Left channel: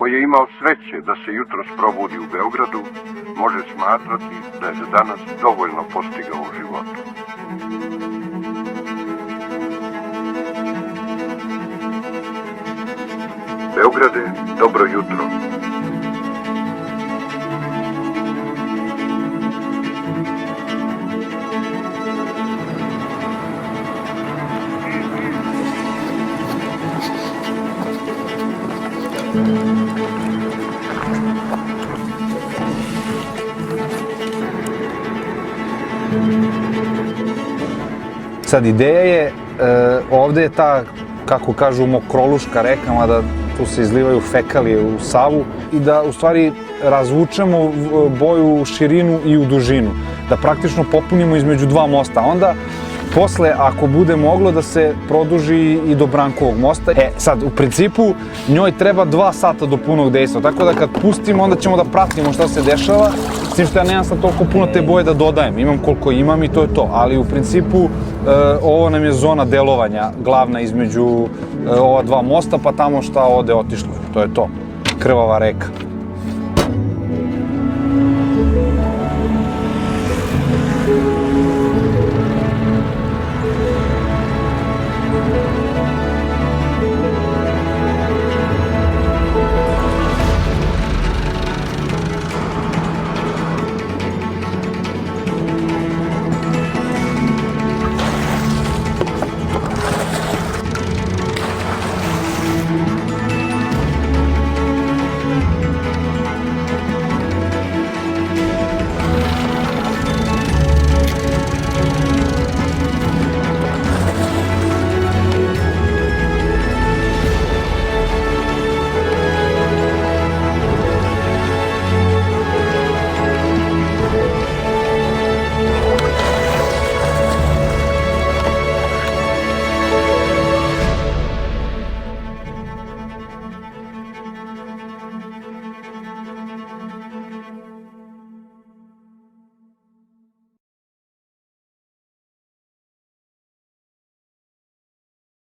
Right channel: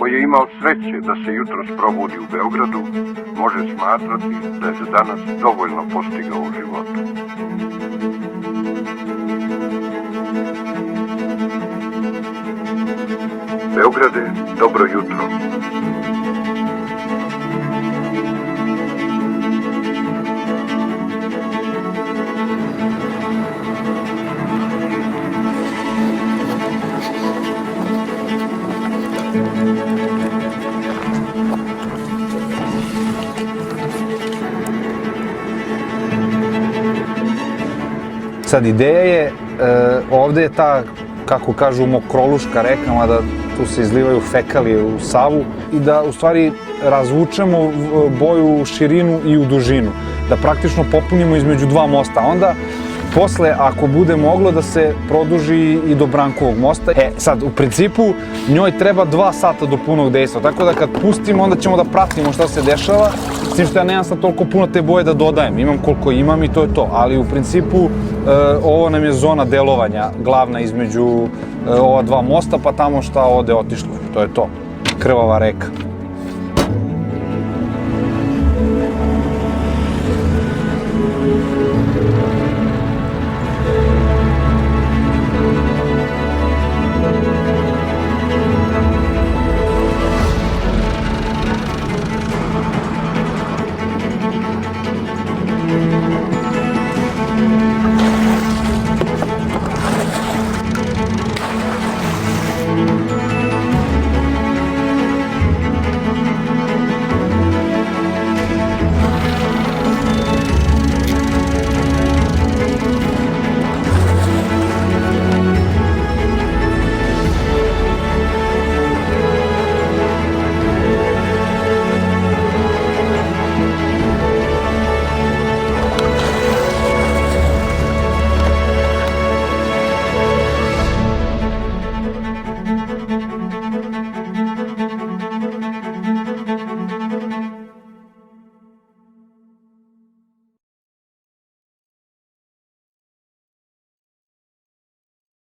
Ko je imao sreće da se jutros probudi u Beogradu, može smatrati da je za danas dovoljno postigao u životu. Beograde, dobro jutro. Sad, ideja je, ovde je ta, kako kažu, mokroluška reka, mada tu se izlivaju fekalije u Savu, i da u stvari razvučemo boju u širinu i u dužinu, da praktično popunimo između dva mosta. Onda, posle, ako bude moglo, da se produži i do Brankovog mosta. Sad, u principu, njoj treba 2 sata do punog dejstva, tako da kad pustimo, onda ćemo da pratimo šta se dešava, s tim što ja nemam sad toliko puno te boje da dodajem, imam koliko imam i to je to, ali u principu ovo nam je zona delovanja glavna između ova dva mosta, pa tamo šta ode otišlo, to je to, krvava reka.